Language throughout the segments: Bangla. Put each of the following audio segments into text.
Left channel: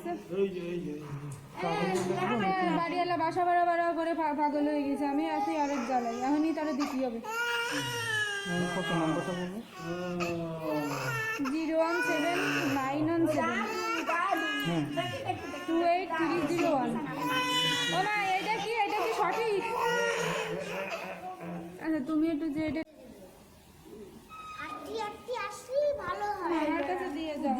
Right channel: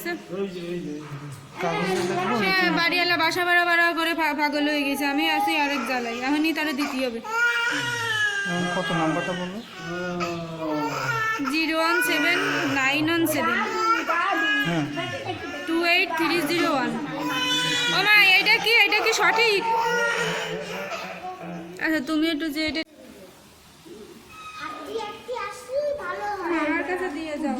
দেখছে বাড়িওয়ালা বাসা ভাড়া ভাড়া করে পাগল হয়ে গেছে। আমি আছি আরেক জ্বালাই, এখনই তারা দিতে হবে। কত নাম্বারটা বলবো? 0179117 28301। ও মা, এটা কি সঠিক? আচ্ছা তুমি একটু যে এটা আমার কাছে দিয়ে যাও।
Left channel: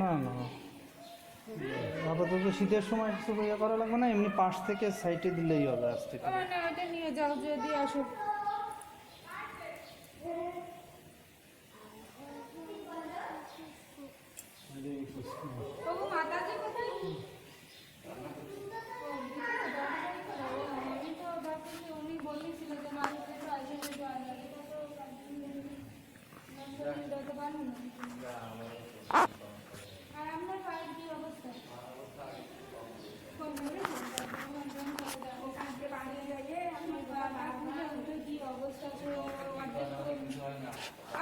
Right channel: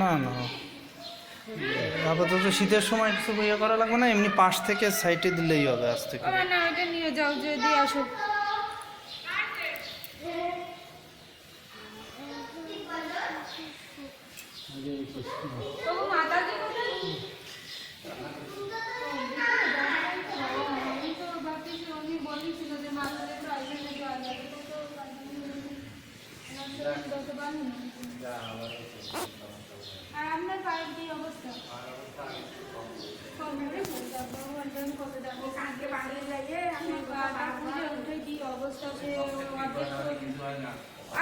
না না, আপাতত শীতের সময় কিছু ইয়ে করা লাগবে না, এমনি পাশ থেকে সাইডে দিলেই হবে আজ থেকে। না, এটা নিয়ে যাও, যে দিয়ে আসো। আপনার পায়ের কি অবস্থা?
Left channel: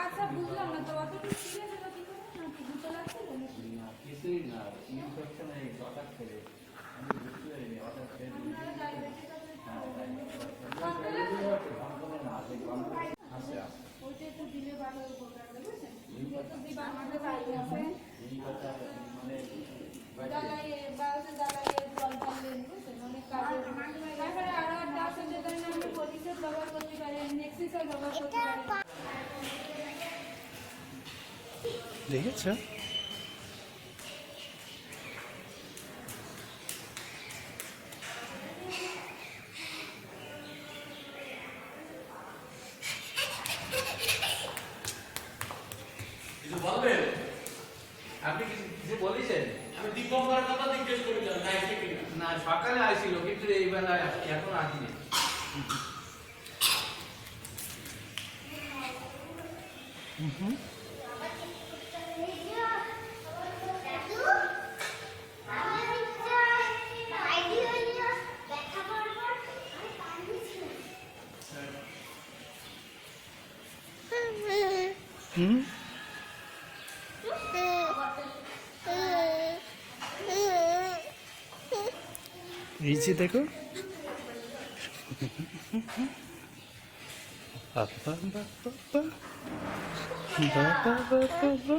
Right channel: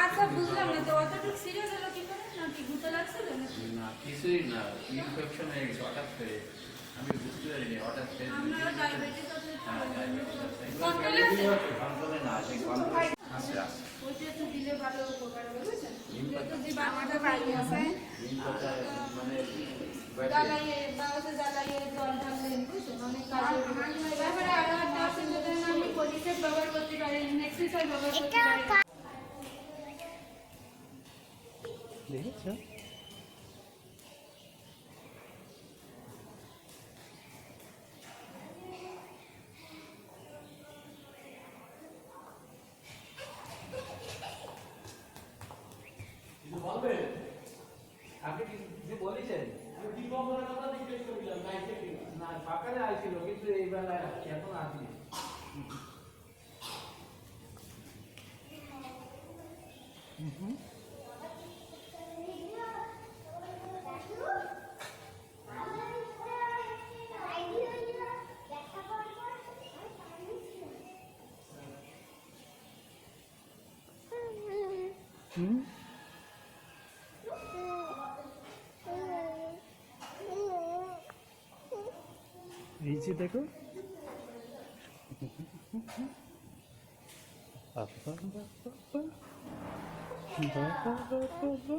আচ্ছা বুঝলাম না তো, অতটুকু সিরিয়াস হলো কি করে? নাকি গুঁতো লাগছিল না? কিছুই না, ইনফেকশন হয়ে গেছে হঠাৎ করে। আমি বুঝতে পারিনি হঠাৎ করে। আপনার ডায়াবেটিস আছে? কন্ট্রোলে না, সে কন্ট্রোলে আছে। ওইটা একটু দিলে ভালো উপকার হবে, বুঝছেন? আমাদের বাড়ি আছে মানে জ্বালাইয়ে জল ঢাললেন, বুঝছেন? অনেক কাজে তারপরে আরো একটা আছে, যেটা আমি পরিষেব ব্যবহার করতে পারি, এক্সারসাইজ ব্যবহার করতে পারি। দেখেছো? কিছু বলবেন? আপনি কিছু বলেছেন? আমি দীপঙ্করের কথা জিজ্ঞেস করেছিলাম, না এসে কিনা। না, সকালে আসছিল কিন্তু এই বেলায় এখন আসেনি। হুম, এই যে দেখো, বাবা বাবা বাবা বাবা বাবা।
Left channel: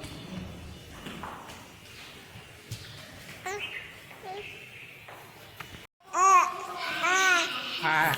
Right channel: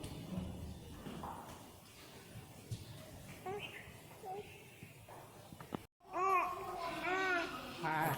হ্যাঁ,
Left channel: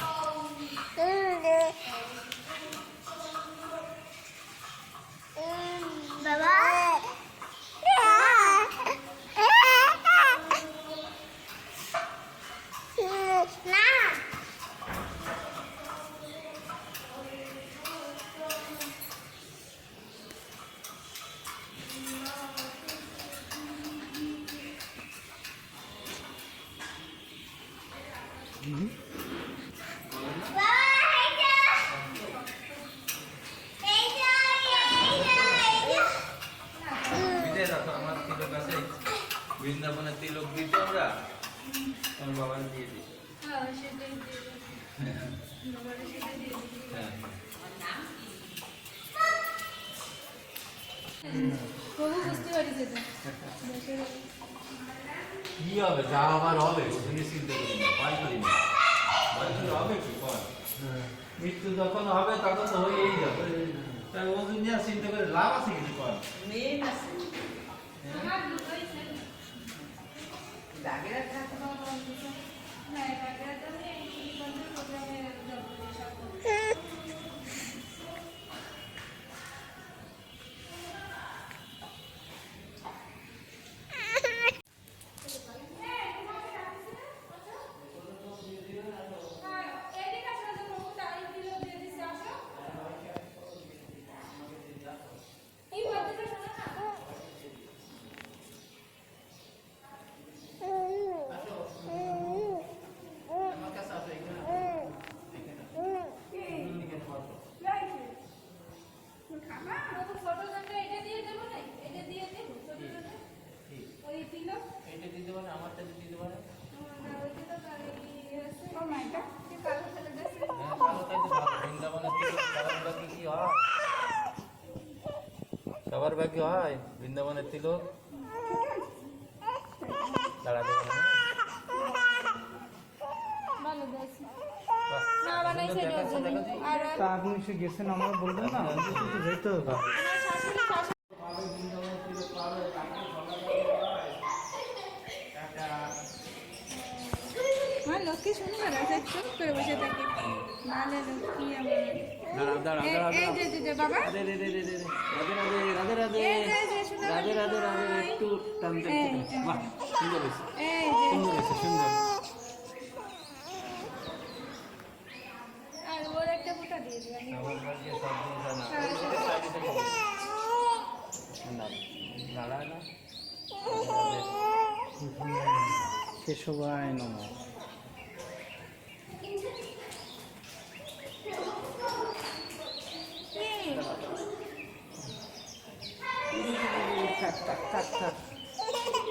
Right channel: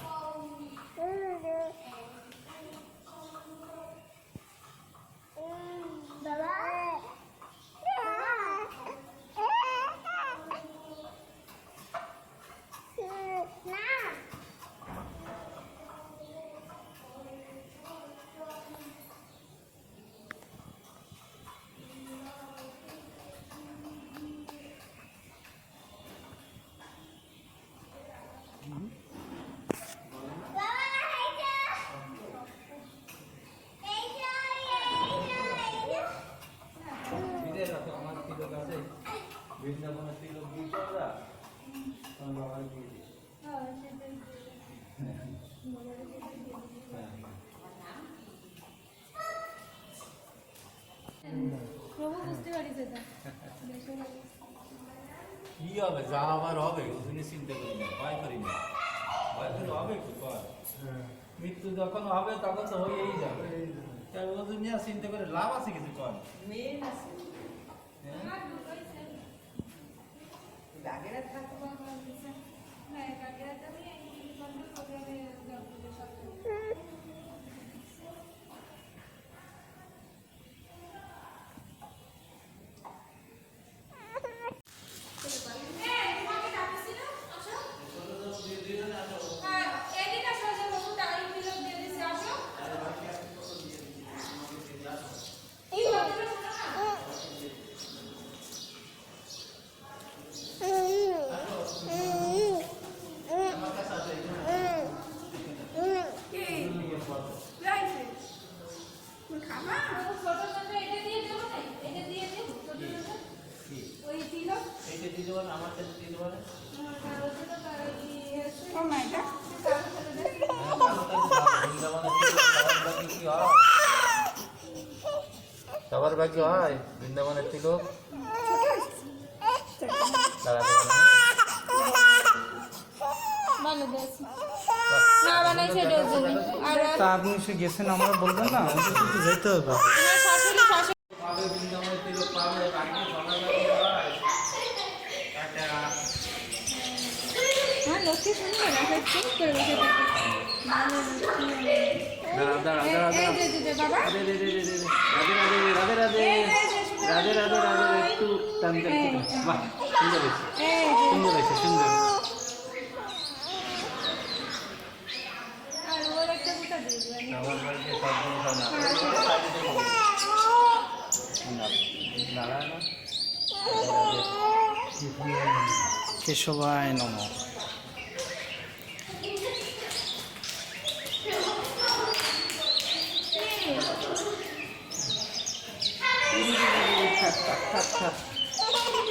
আমার তিলক আছে, বৃন্দাবনের তিলক দিত আমরা, আমার বাবার দিয়ে দিই। হ্যাঁ, সেটাই দিয়ে দাও। বাবারে সেটাই দিয়ে দিই। প্রভু বুঝতে পারি সেটা। কি হবে, যা আবার হবে, ওখানে চিন্তা করি না, ভয় করি না। ভয় করি হবে কি কর, মৃত্যু যখন হবে তখন তো হয়েই যাবে। তাই ও দুনিয়া চিন্তা করে লাভ আছে কিছু কর। আমার দুটোই ছেলে। হ্যাঁ, বাগেরহাট আমি এই বন্ধুর প্রোগ্রামে যাবো, সব করবো। পারে, আমার কাছে দিতে পারে। কাগজে তো কাগজ দিয়ে আছে। ও মা, এটা কি কাগজ ফেলে দেয়? সবার বাকি হয় বৃন্দাবনের তিলক। দাঁড়াতে পারে না। ভালো দিয়েছে। না বানাইছে এটার জন্য। আর তা আপনি সে গেছেন আমরা বলবেন না, আমাদের তো যেতে হবে। আমার শাশুড়ি পাবে বৃন্দাবনের তিলক পাবে, বাকি সবার বাকি হয়। টাটা। হ্যাঁ, লক্ষ্মী সুন্দর আছে, চুপ করে বসে থাকে। মানে লক্ষ্মী দাঁড়া দাঁড়া দাঁড়া এই যে বাবা, রাধে রাধে রাধে রাধে রাধে রাধে রাধে রাধে একটু টানতে বাহ সুন্দর হয়েছে এই সুন্দর হয়েছে সুন্দর। আর ওর একটা বুটা দিয়ে দিবেন। আমার বাড়িতে সব জিনিস হয় না। দাঁড়া না। কেশবায় নমঃ।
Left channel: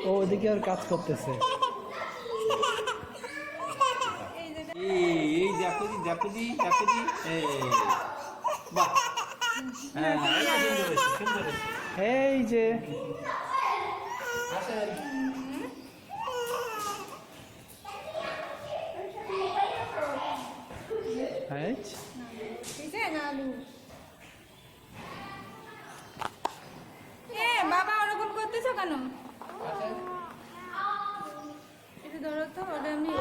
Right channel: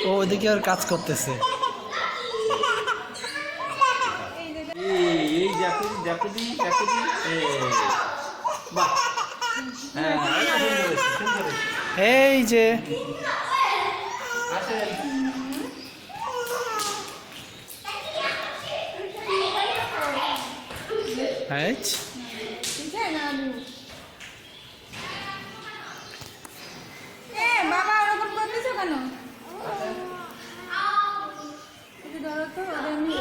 ও ওইদিকে আর কাজ করতেছে। এই জাকুদি জাকুদি জাকুদি বাহ হ্যাঁ সুন্দর হয়েছে সুন্দর হয়েছে। এই যে আসেন হ্যাঁ ঠিক আছে না আলু। বাবা ওরকম করতেছো কেন? একটু ধরো তো, ওদের এমনি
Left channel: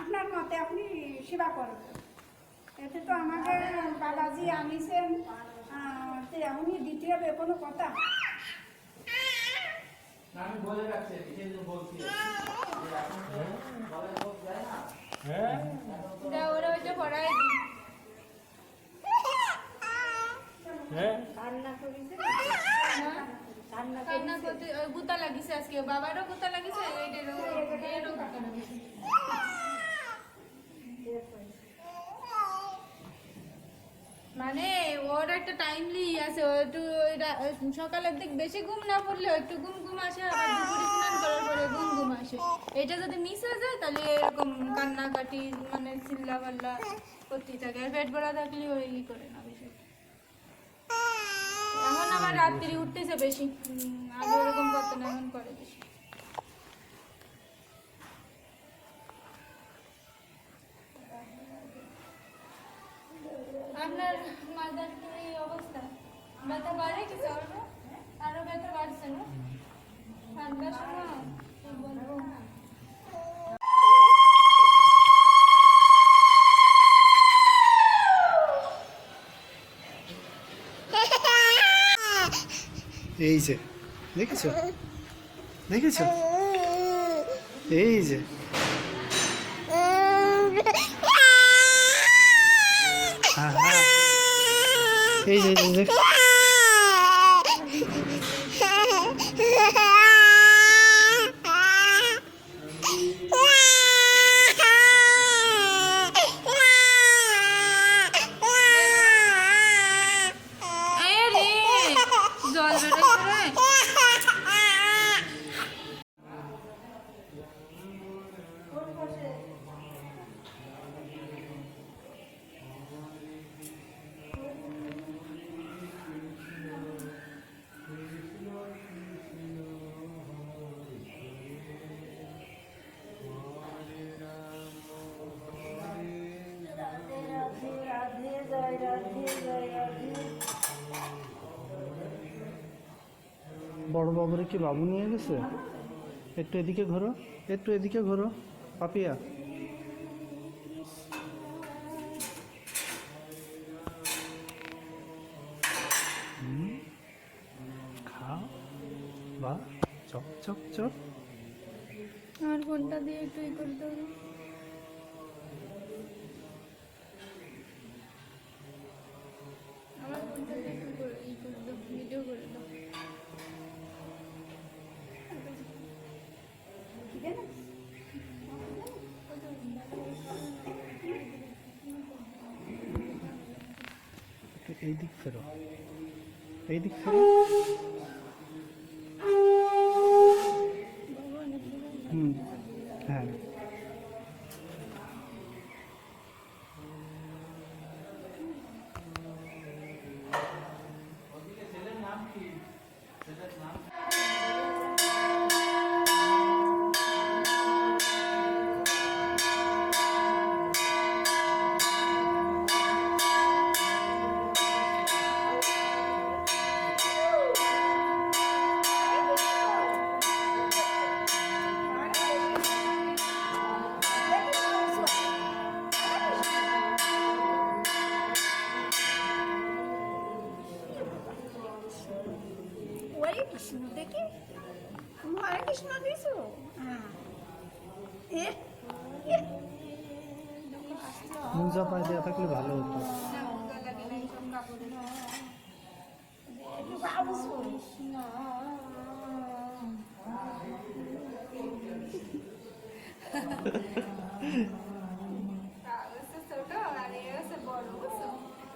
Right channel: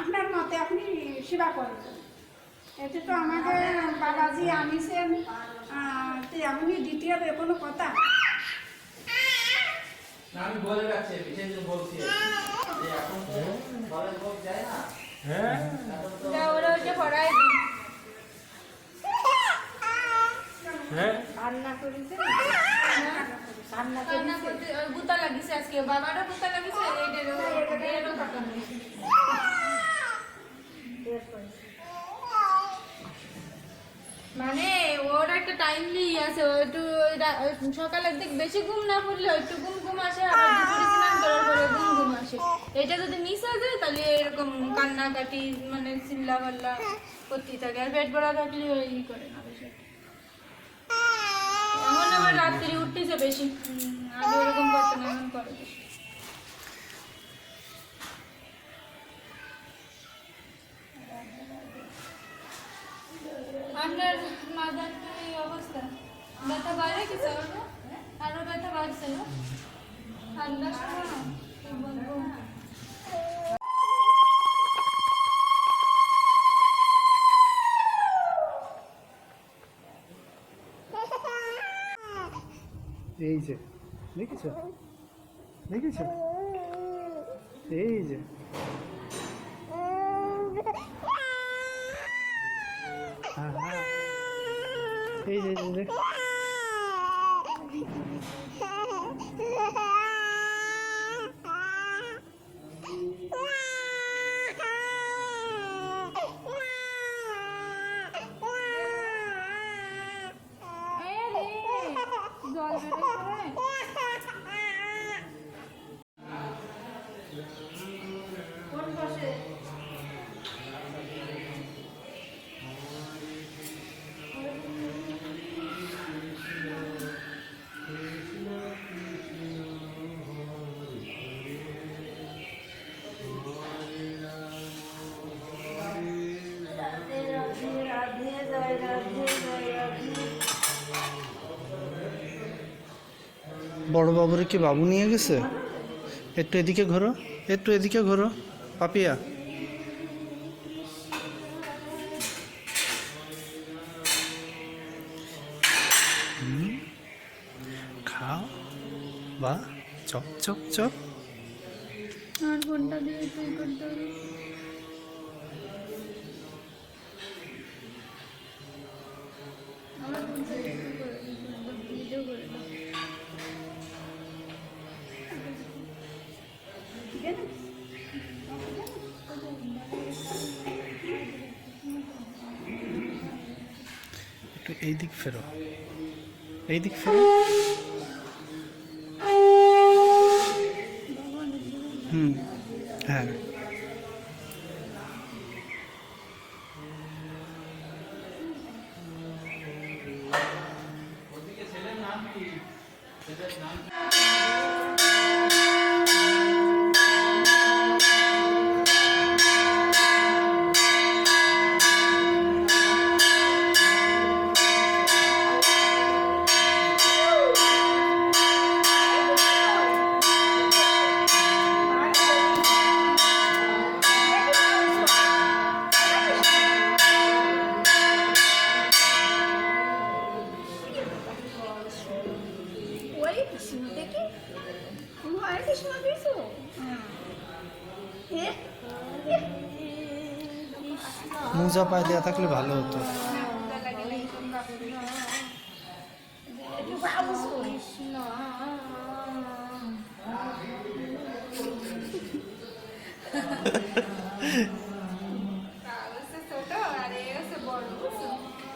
আপনার মতে আপনি সেবা করবেন, এতে তো আমাদের বাবাজি আনিছেন, তো এমনই দিতে হবে কোনো কথা। না আমি বলে রাখছি বিশেষ বলছি যে এখন তো বলে লোক যায় না। হ্যাঁ যা ওরা ওইটা পড়ায় দিই। হ্যাঁ রান্না করেছে, কান্না করতে ওর গুতা লাগিছে আজকে, বাবারও গুতা লাগিছে, এটারও গুতা লাগিছে। মানে ওর একটা টাইমলি আছে, ও একটু সকালের দিক বেশি ঘুম না পড়লে একটু ঘুম ঘুম আসে, আবার দুপুরে স্নান করার পরে ঘুম ঘুম আসে। এটা যদি মিস হয়ে যায় তাহলে এরকম কান্নাকাটি মানে চিল্লা পাল্লা করতেই থাকে, আর পেট ভরা থাকলে ওই করে না বেশি। এমন আবার রাত্রি উঠতেছে বেশি, আগে ওরকম করতে না, এমন করে বেশি। আপনার মাদার তো এই অবস্থা, ব্যথা বাড়ে কিছু আরো ব্যথা বাড়ছে না ঠান্ডার সময়, কি বলবো। এই যে দেখেছো দেখেছো এই যে হ্যাঁ হ্যাঁ এই যে দেখ জল বেরোচ্ছে। বড় বাবুরে কি বাবু নিয়ে গেছে? একটু এদিকে ঘোরো, একটু এদিকে ঘোরো পাপিয়া। খাও বা চপ চপ চপ। আর ফোনটা দিয়ে তুই করতে হবে। আমার ফোনটা একটু করে ভিডিও করে দাও। এই দিক ফেরো, এই দিক ফেরো। হুম, হ্যাঁ। ওদিকে ছেলের নাম কি? ছেলের নাম কি? হরে কৃষ্ণ দেখি তুমি হরে কৃষ্ণ দিয়েছো মোজা পায়ে দেওয়া থাকলে ভালো হতো।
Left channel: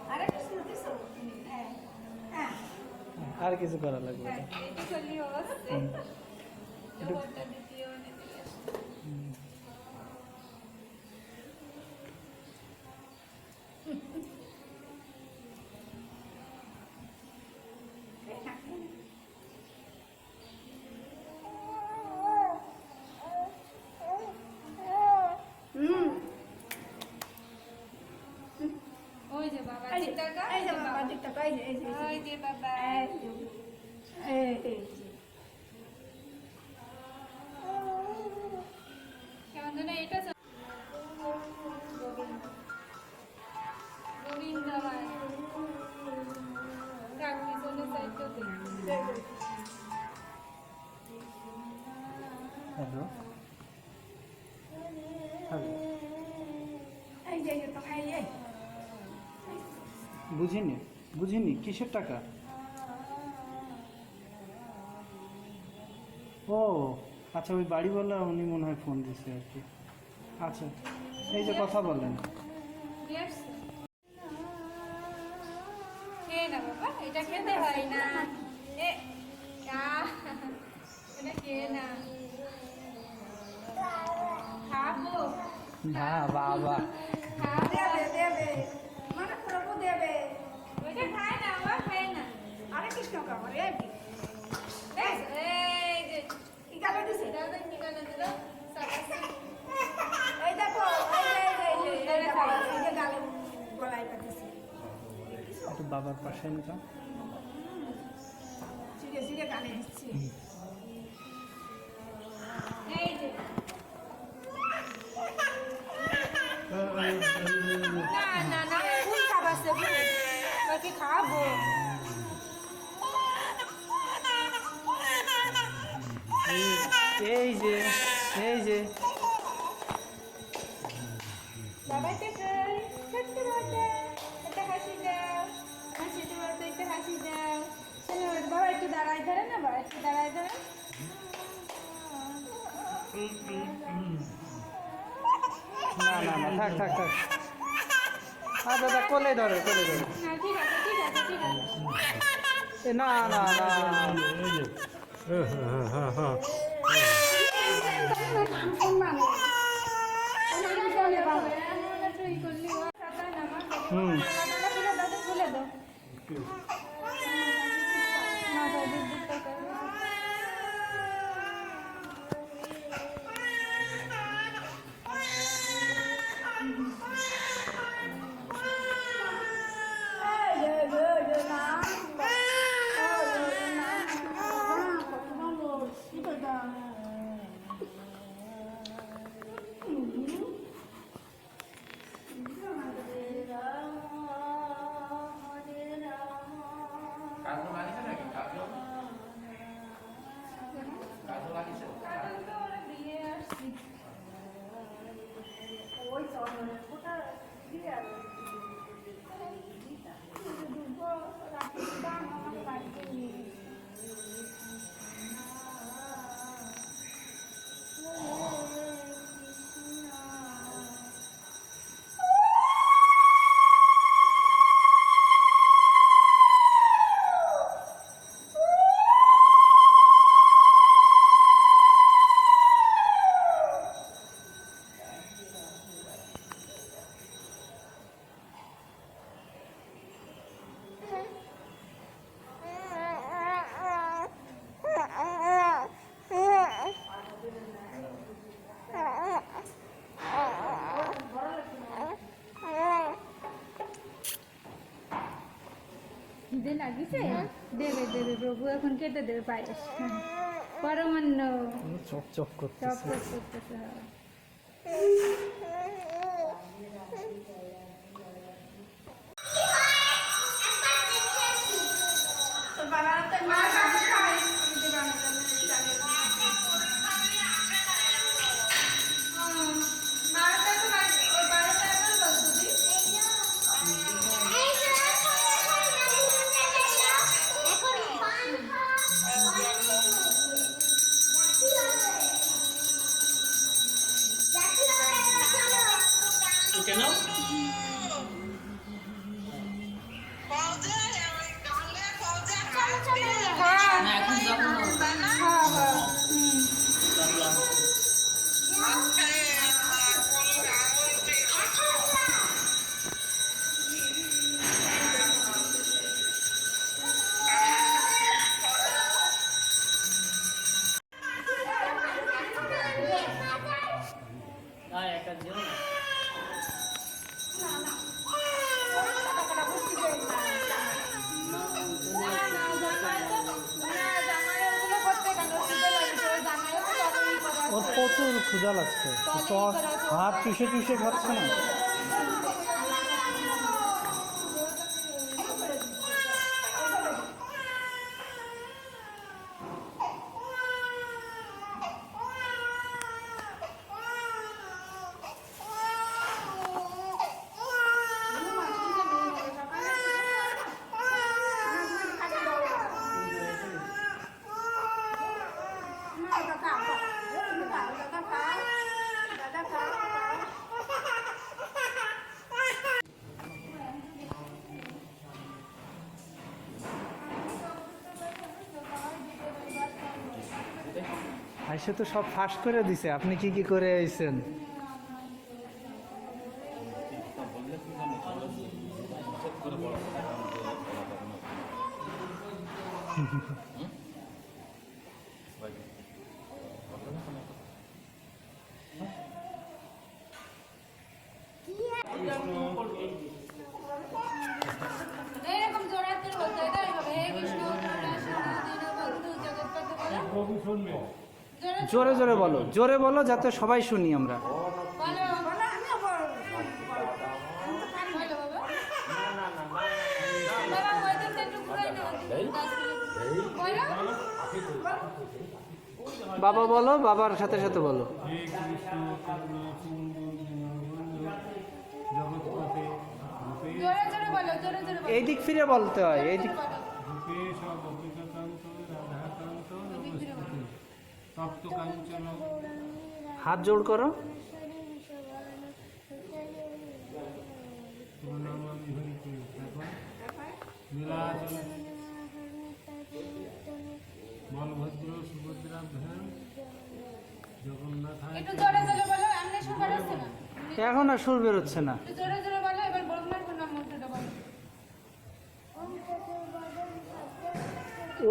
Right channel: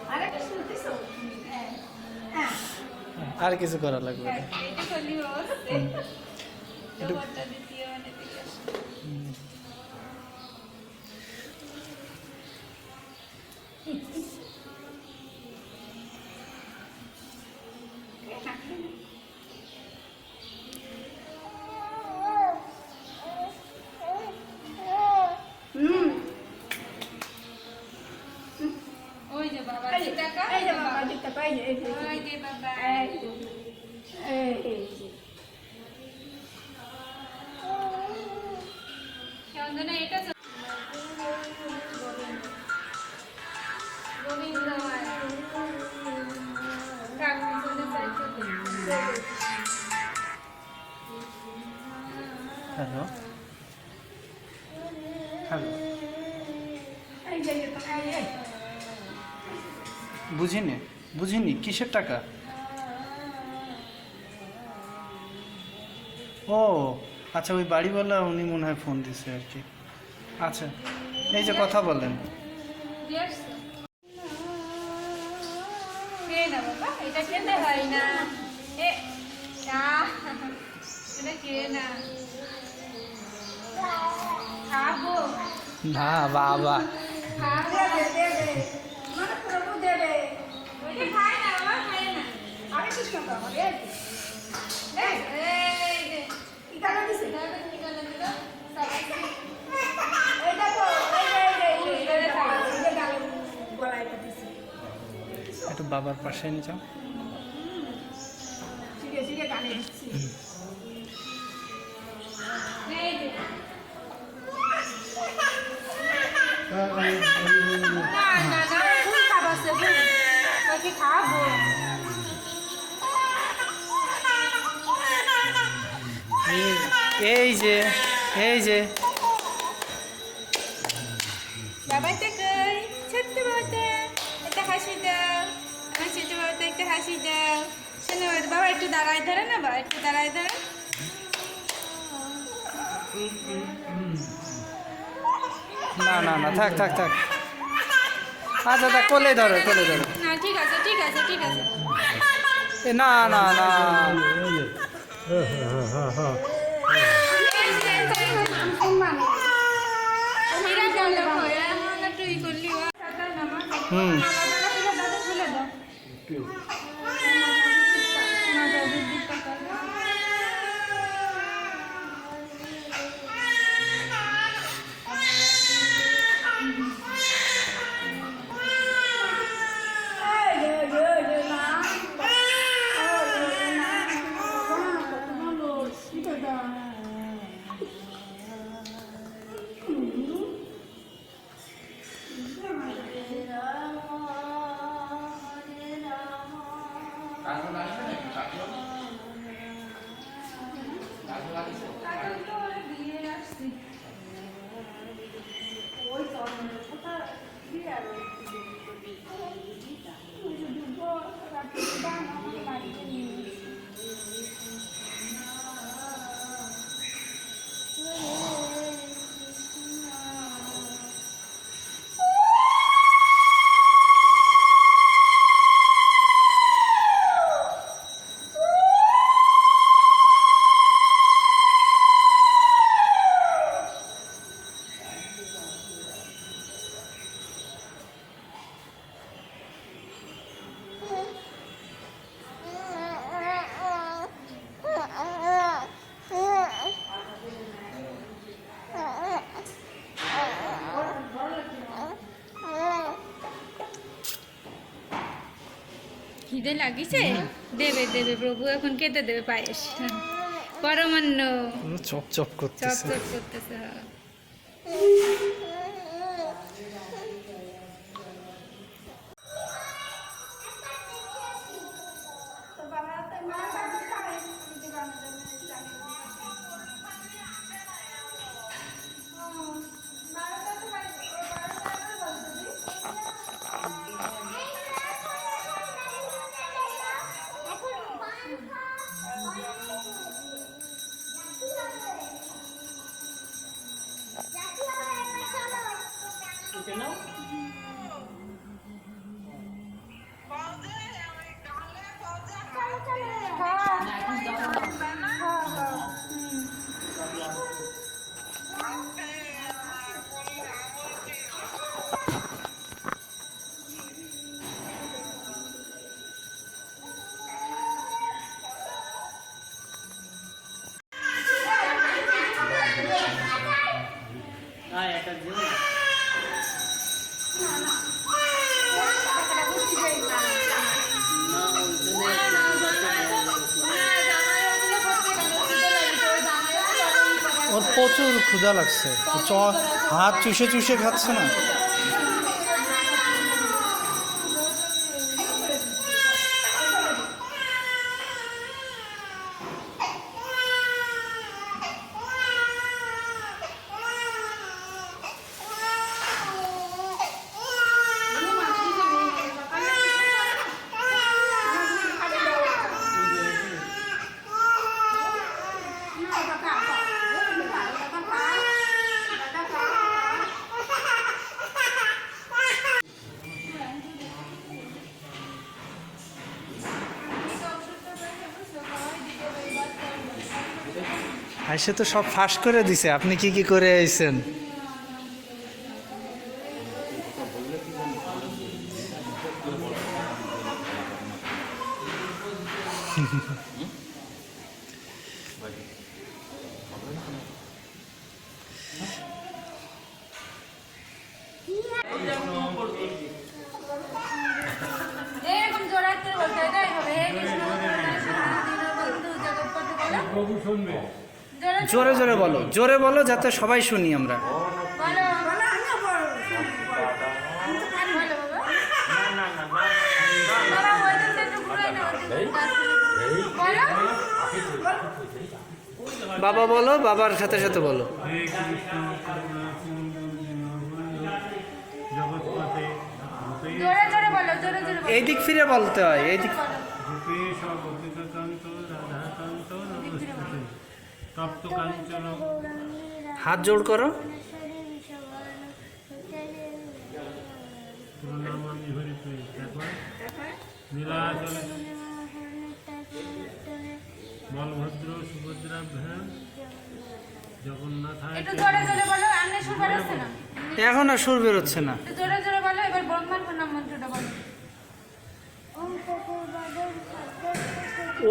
হরে কৃষ্ণ দিয়েছো আর কিছু করা লাগবে না। একটু ওই যে বাবা এই যে টাকা এই যে বাবা দিতে পাই এই যে ওই যে বাবা এই যে এই যে কেমন এটা গোবিন্দ হ্যালো, হ্যালো। এই যে তো এই যে বুঝিনি, বুঝিনি কিসের টাকা? ও আচ্ছা, ওই বাড়িওয়ালা উনি মনে হয় ফোন দিছে আর কি। আচ্ছা, এই যে কথা বললেন। খেয়ে না বাবা, এটা খেতে হয় না। এটা খেয়ে না। খাবো। না বাবা, দে দে দে মানে প্রভু দেবে ওইটা খায় না, বাবা খায় না। হরে কৃষ্ণ বাবা এই এই যে, কি কালো দিছে দাদা কি করে দিল? সবাই এই দেখো এই যে গালে গলায় দিছে একটু বাবার পাশে নিয়ে যাও। সিরে সিরে গালে দিচ্ছে এই যে। না, খুব খাবার আছে, ওকে খাবো। এই যে, এই যে বাবাইতে কই ছোট্ট বাবাতে একটা হাসি দাও, আমার ছোট বাবাতে একটা হাসি দাও। শোনো বাবা, একটু দাঁড়ায় ধরে না, বাবা একটু দাঁড়ায় ধরে। না না না, থাক থাক থাক। আচ্ছা আচ্ছা, কোলে ধরো, কোলে ধরো। না ঠিক আছে, ঠিক আছে, ঠিক আছে। এ না না না, এরা গেল কই? এমন একটু ই করলি ও। হুম। দাদা খুলে দাও। না, দাদা দুধটা কর। খিদে লাগিছে? দেবে দেবে, প্রভু এখন খেতে দেবে পায়েস। পরমান্ন চপ চপ চপ করতেছে। চপ করতেছে। হ্যাঁ। তো বাবারা তো মা কাজ খাবে দিদি বানাবে কেন এখন যাবো না। ওর প্রচুর ক্ষুধা লাগছে, হাত চুষে চুষে খাচ্ছে না। আইসে তো সব ফাঁস করে দিছে, আপনি কি কি করে আইছেন? এরকম জোড়াতে বলতে হয়, তাই হবে। হে কৃষ্ণ করুণা সিন্ধু দীনবন্ধু জগৎপতি বলো। প্রভু শুনবে। জোরে জোরে জোরে বলো, জোরে বলো যাতে সবাই শুনি আমরা। বলো। বলো আমিও বলো বলো বাবা। বাবা ওই দিন একটু ঘুরাই না, ওই দিন বলো। বাবা বলো, বাবার সাথে সাথে বলো। হে কৃষ্ণ করুণা সিন্ধু দীনবন্ধু জগৎপতে জোরে জোরে বলো, জোরে জোরে বলো। এই দিক ফিরে বলতে হয়, এই দিক। রূপেশ গোপিকান্ত রাধাকান্ত নমস্তুতে তপ্ত কাঞ্চন হাত জোড় করো। প্রণামামি হরিপ্রিয়। তারপর নীলাচল বলভদ্র সুভদ্রাভ্যাম জগন্নাথায় একটু জোরে জোরে বলো, আমনে সুর বেরোচ্ছে না। এখন আর সুর বেরোচ্ছে না। একটু জোরে জোরে বলো, এবার ব্রহ্মার প্রণাম মন্ত্রটা বলো।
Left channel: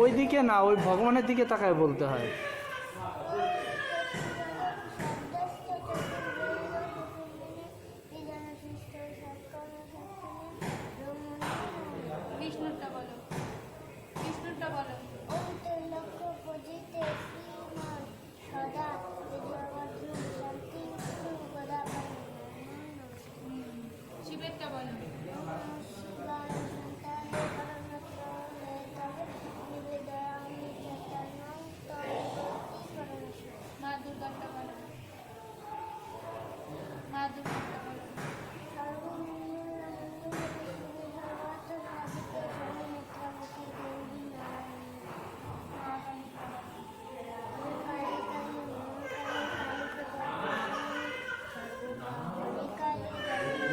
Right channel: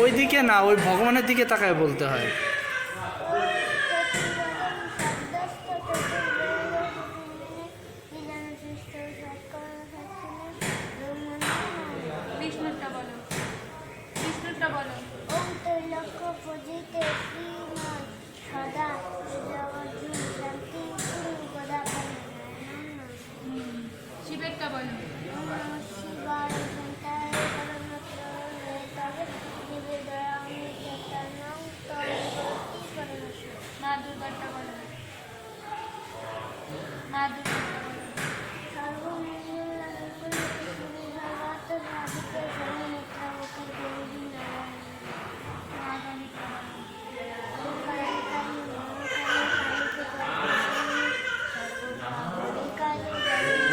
ওই দিকে না, ওই ভগবানের দিকে তাকায় বলতে হয়। বিষ্ণুরটা বলো, বিষ্ণুরটা বলো। শিবেরটা বলো। মা দুর্গারটা বলো, মা দুর্গারটা বলো। মা কালীরটা বলো।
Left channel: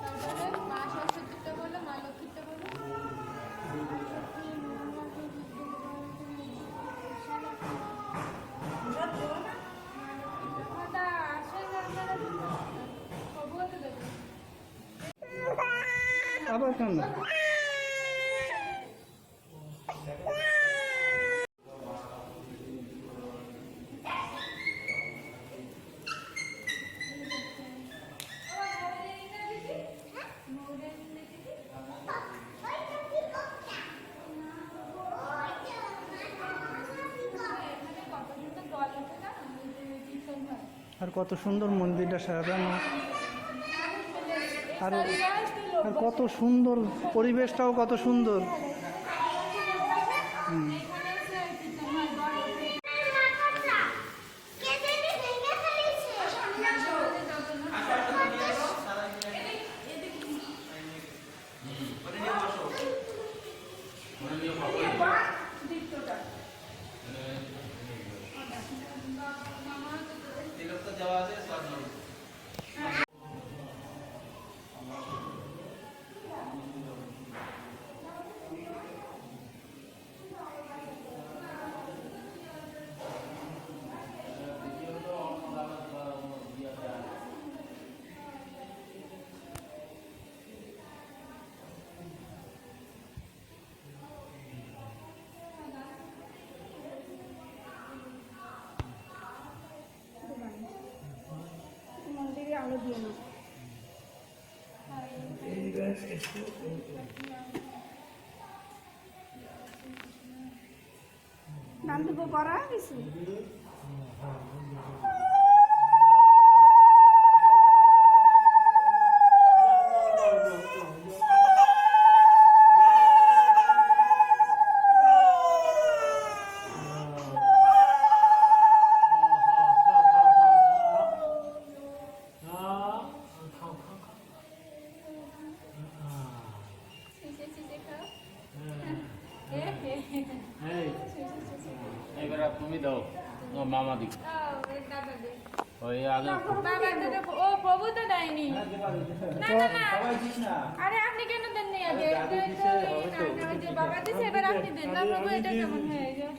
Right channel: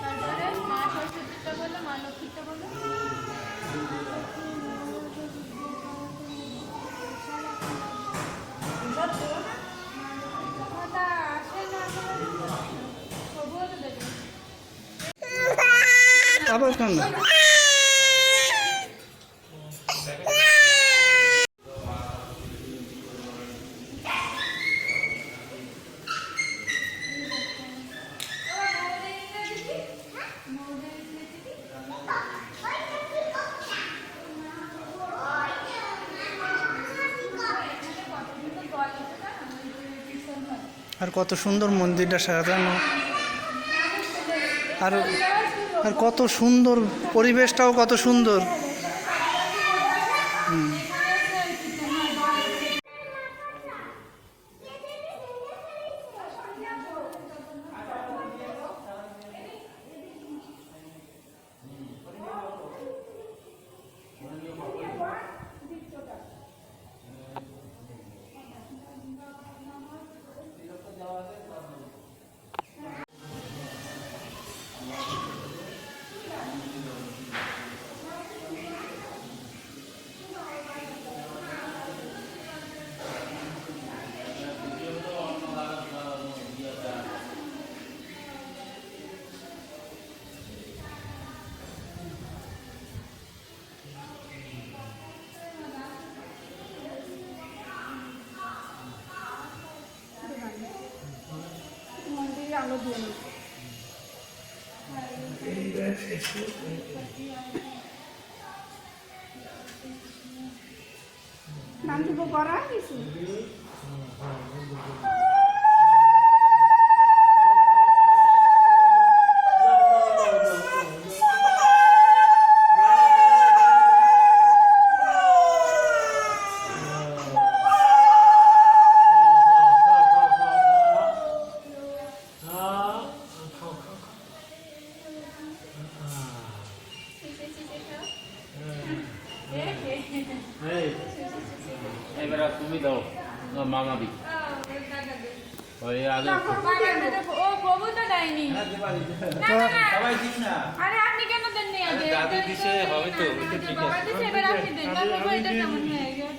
তারপরে মা সরস্বতীরটা বলো, মা লক্ষ্মীরটা বলো। কথা আসে না, তবুও তো দেবে। আবার কেন? আর কত সুন্দর মন্দিরটা সাজানো, আর আর কত সুন্দর পরিবেশটাও কত সুন্দর। হুম। মন্দিরে আলো দিয়ে না নাম দিব করা কিছু এবার তুমি দাও মামা দি ওই আগে ও প্রভু তো দেয়নি। না, না, না। সবাই দিস না। আরে আপনি কেন দেননি আগে? দাদু দিছে, হবে তো, ওটা ঠিক বাবা আছে। দিছে, এবার আপনি দেন। না, প্রভু এটা কেমন হয়ে গেল?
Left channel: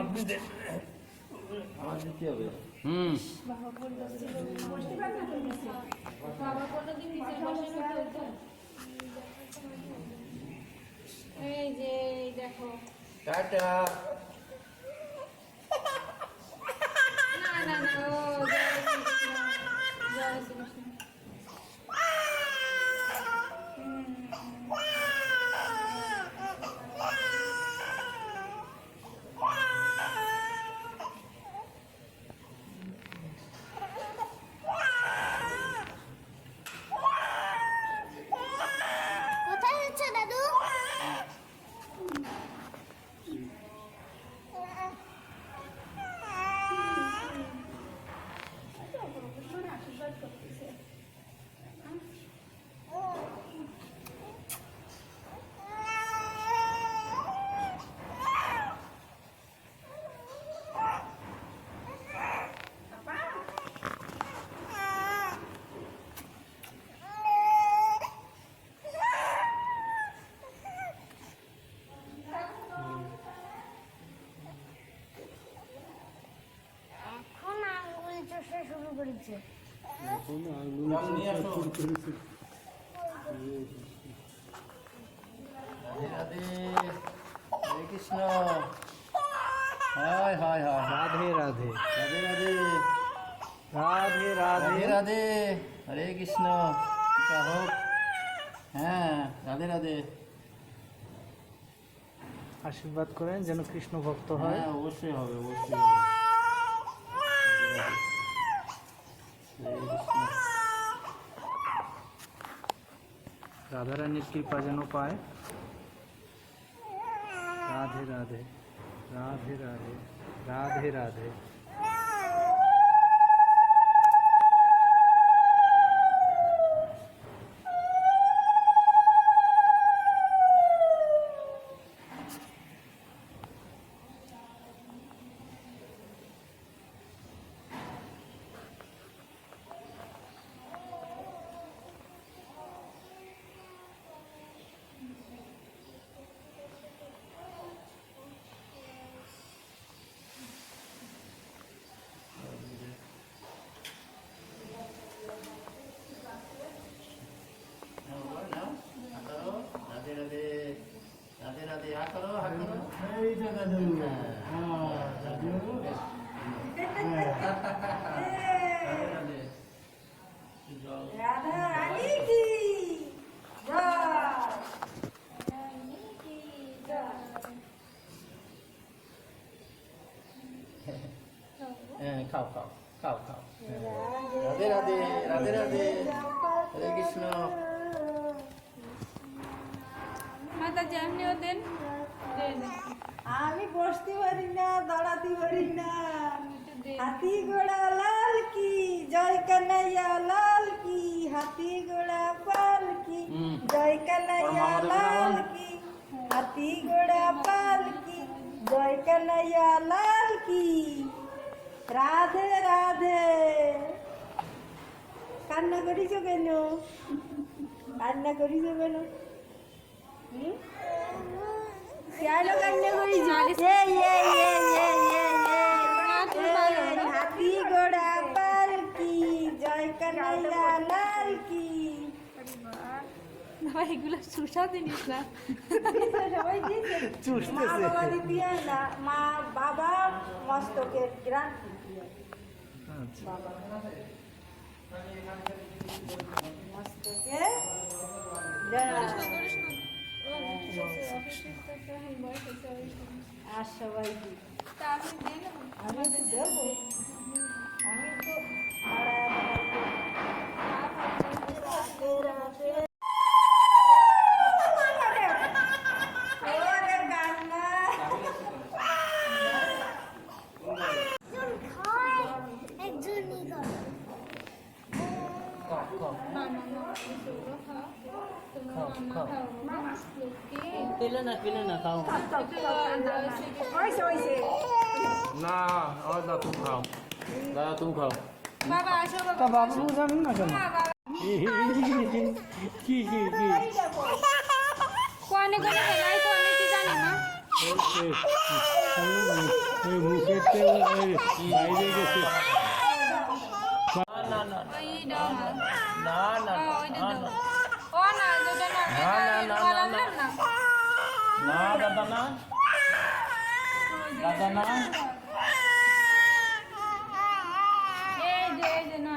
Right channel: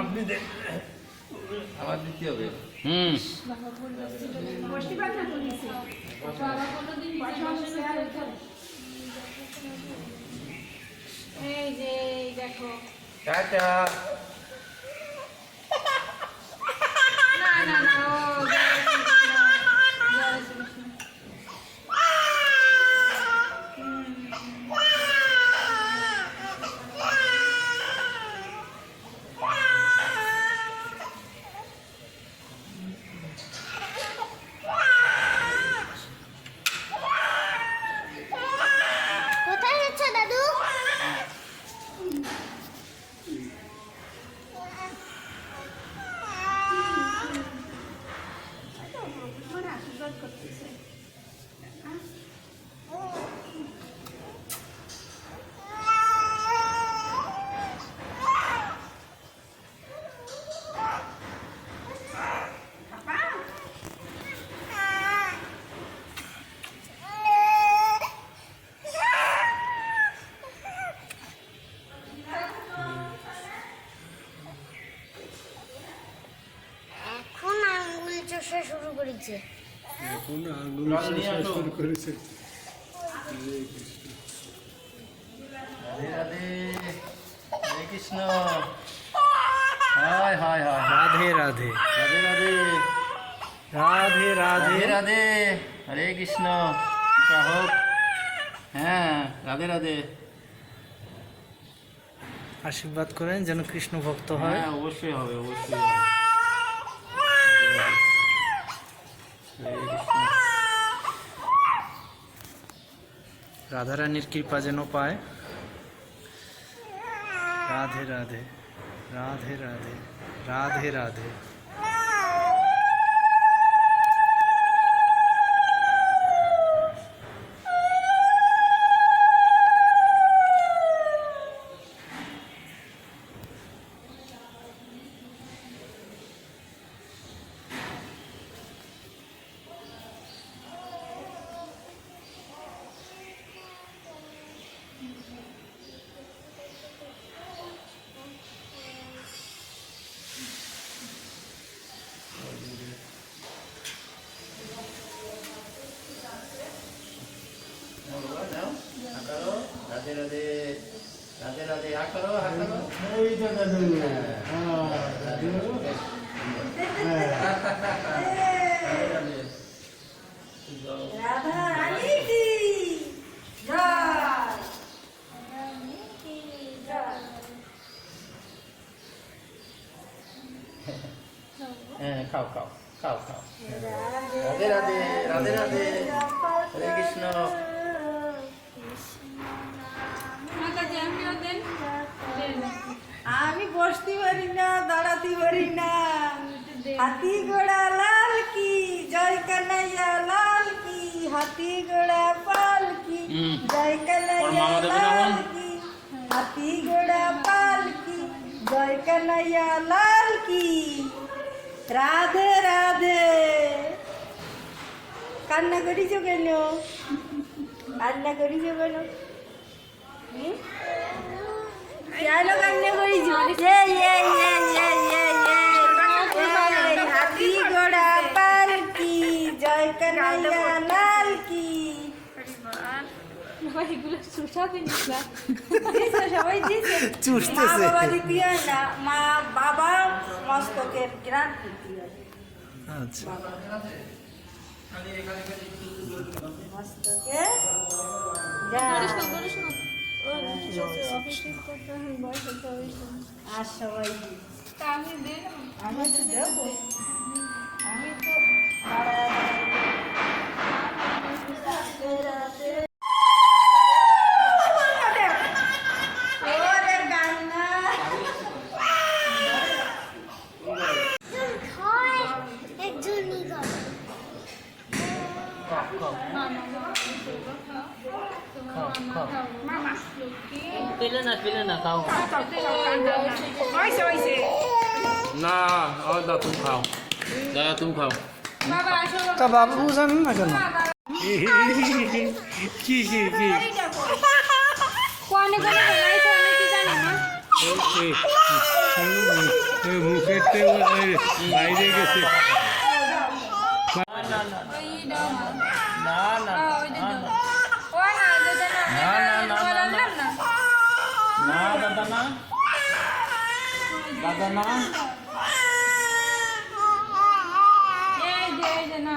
আপনি দেন। আমার দিতে হবে। হুম। বসতে পার না তো নিচে বাবা কোনোদিন নিচে বসে না তো। এই যে এই দেখো। টাটা। না, না, না, ও জয় শ্রীকৃষ্ণ, জয় শ্রীকৃষ্ণ। কোথায় যাচ্ছ দাদু? মানে আশীর্বাদ করতেছে এখন আঙ্গুল চষা শুরু করেছে। এখন আঙুল জল নিয়ে চষা আসো। শুরু করেছে। রাধে রাধে। হরে কৃষ্ণ। হায় হায় হায়। রাধে রাধে, রাধে রাধে। রাধে রাধে। রাধে রাধে। হরে কৃষ্ণ। কৃপা হোক। হ্যাঁ, রাধে রাধে। আশীর্বাদ করেন যেন কৃষ্ণ ভক্ত হয়। হ্যাঁ, অবশ্যই হবে, অবশ্যই হবে। রাধে রাধে। হরে কৃষ্ণ। রাধারানীর কৃপা যেন পায়। রাধে রাধে, রাধে রাধে, রাধে রাধে। রাধে রাধে। রাধে রাধে। হা করো, হা করো। রাধে রাধে। যাও। রাধা রানী কি জয় হ্যাঁ, খাও খাও। খাও খাও। রাধে রাধে রাধে রাধে হরে কৃষ্ণ। মাতাজি আমিও দেন। আমি বসতে পারি না, দাঁড়াতে পারি না। হাতি ঘোড়া লাল কি, জয় কানাইয়া লাল কি, হাতি ঘোড়া পাল কি, জয় কানাইয়া লাল কি, হাতি ঘোড়া পাল কি, জয় কানাইয়া লাল কি। রাধে রাধে। কান্না করিছো কেন? কান্না করিছো কেন? কেন কান্না করিছো? হাতি ঘোড়া পাল কি, জয় কানাইয়া লাল কি। এগুলো সুসা জিনিস না। দিছে, সবাই দিছে। মা বাবা দিতে না, মা বাবা মস্তকের গ্রান্তি দিয়ে। আচ্ছা মস্তকে আর সবাই দিই। তা আমি দেন। আমি তো দেবো, আমি তো ওদের কান্না। একজনই করে। পেলে না খাও। হয়েছে হয়েছে। না দাদা তুমি খাও, দাদা তুমি খাও। বাবা আসো তা বাবু জানেন না কেন? কি কি কি কোনে কোনে নাই তো আমি কি জানি না। মুখের বাইরে গেছে। ওই দাও না না ওই দাও ও না যেটা না বললাম না না দাদা না, দাদা না। এই যে না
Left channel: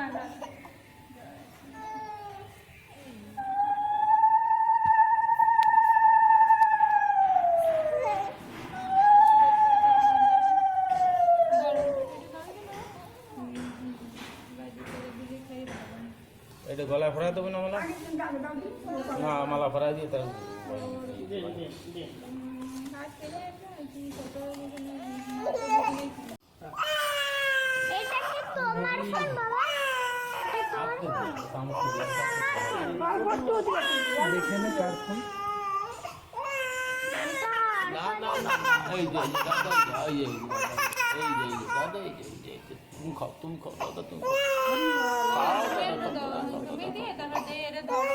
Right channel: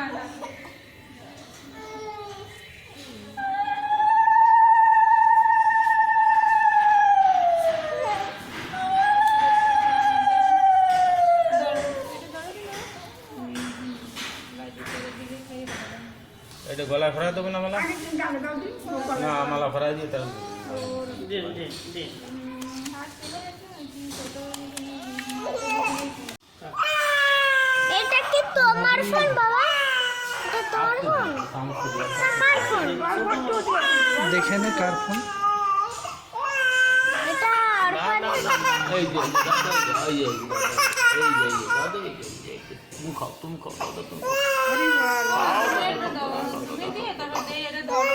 এটা গলা ফেরা দেবো না মালা? না মালা ফেরাই দিয়ে তার দে দে দে। এটা কি তোমার ফোন বাবা? এটা তোমার ফোন? আমার ফোন। দেখে নে কার ফোন। এটা আর ফোন। এই যে এই যে দাদা তুমি খাও তুমি খাও দাদা তুমি খাও। তুমি দিয়ে তারপর এটা ধরো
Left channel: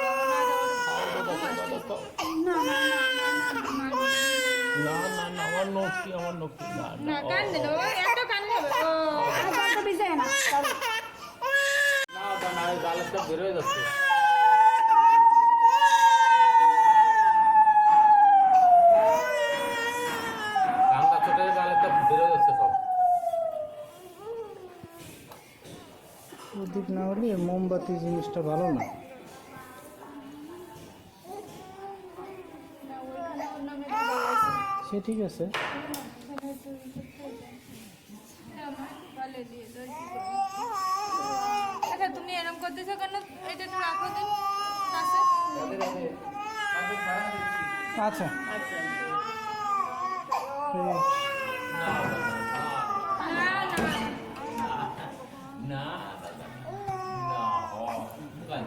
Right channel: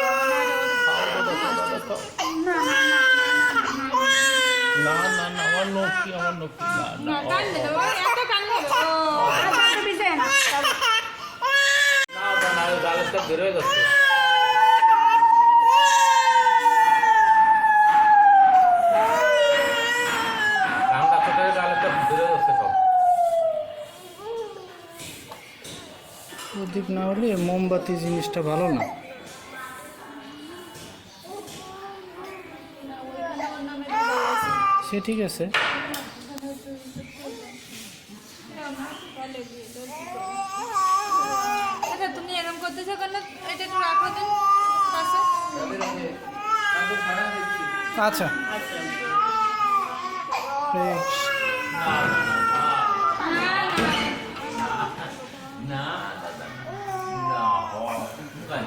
না না না আমার নক্কি না না কান দিলো এত কান হবে ও আচ্ছা দিছে না। না না গালটা বের হয়ে গেছে। কানটা ছোট গালটা বের হয়ে গেছে সব। প্রদীপ না হলে মোমবাতি জিনিসটা ভালো না। সে ঠিক আছে। আচ্ছা তুমি এরকম করতেছো কেন? এটা একটু রাখো তো পাশে। আচ্ছা এই না দাদা না গান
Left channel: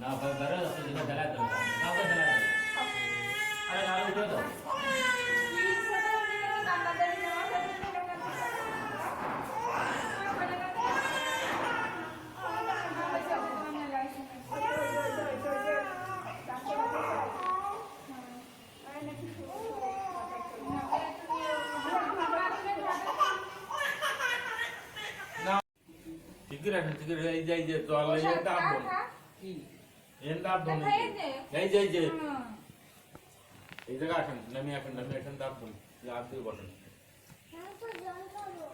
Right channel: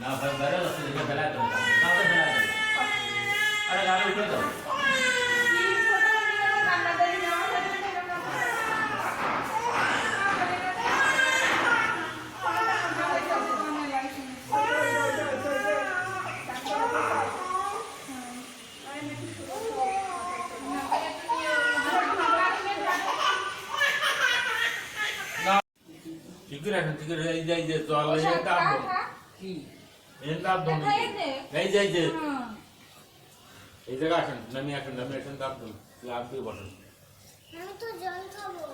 না বের হয়ে গেছে যে বেলা তো না বেলা আরে গাড়ি উঠে দাও। ঠিক আছে এই যাই যে জল এই দাম কি এই দাম দন এই যাই যে এই জায়গা আসেন নামি আসেন দাম দন লাভ দিয়ে বসেন। আমি তো জল খাবো।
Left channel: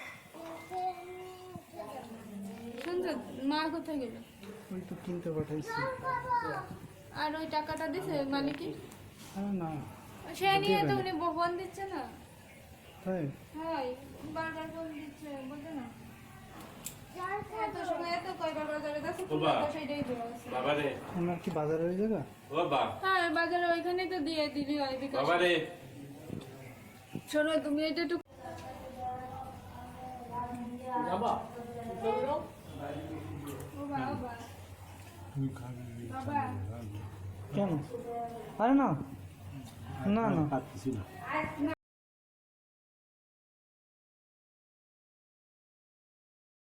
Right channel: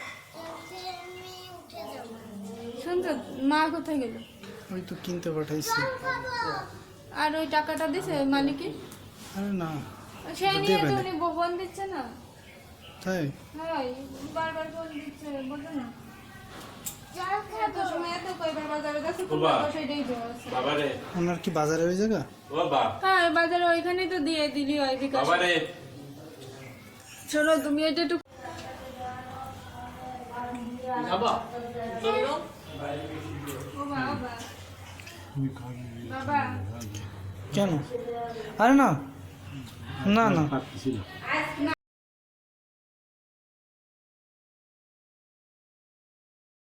এতে আমি উঠে যাবো। শুনছো মা কোথায় গেল? ওই তো কিনতে পাঠাইছি। আর ওই টাকাটা দিছে মালিকে? আরে না সে নিয়ে তো উনি ফোন দিচ্ছে না। তাই হ্যাঁ বারবার ফোন দিচ্ছে বলতো না জল এত সময় এত কয়বার বাজারে যাচ্ছে বাবা। সেটাই বলছে বাবা রে আপনার কি বাজারে ওই জায়গা? ও বা হ্যাঁ বাজারে ওইখানেই তো দিয়ে দিলি হয় বিকাশ বাবা রে শোনো তুমি এটা একটু বাবা চলো ও বাবা বাবা কেন? আরে না না না না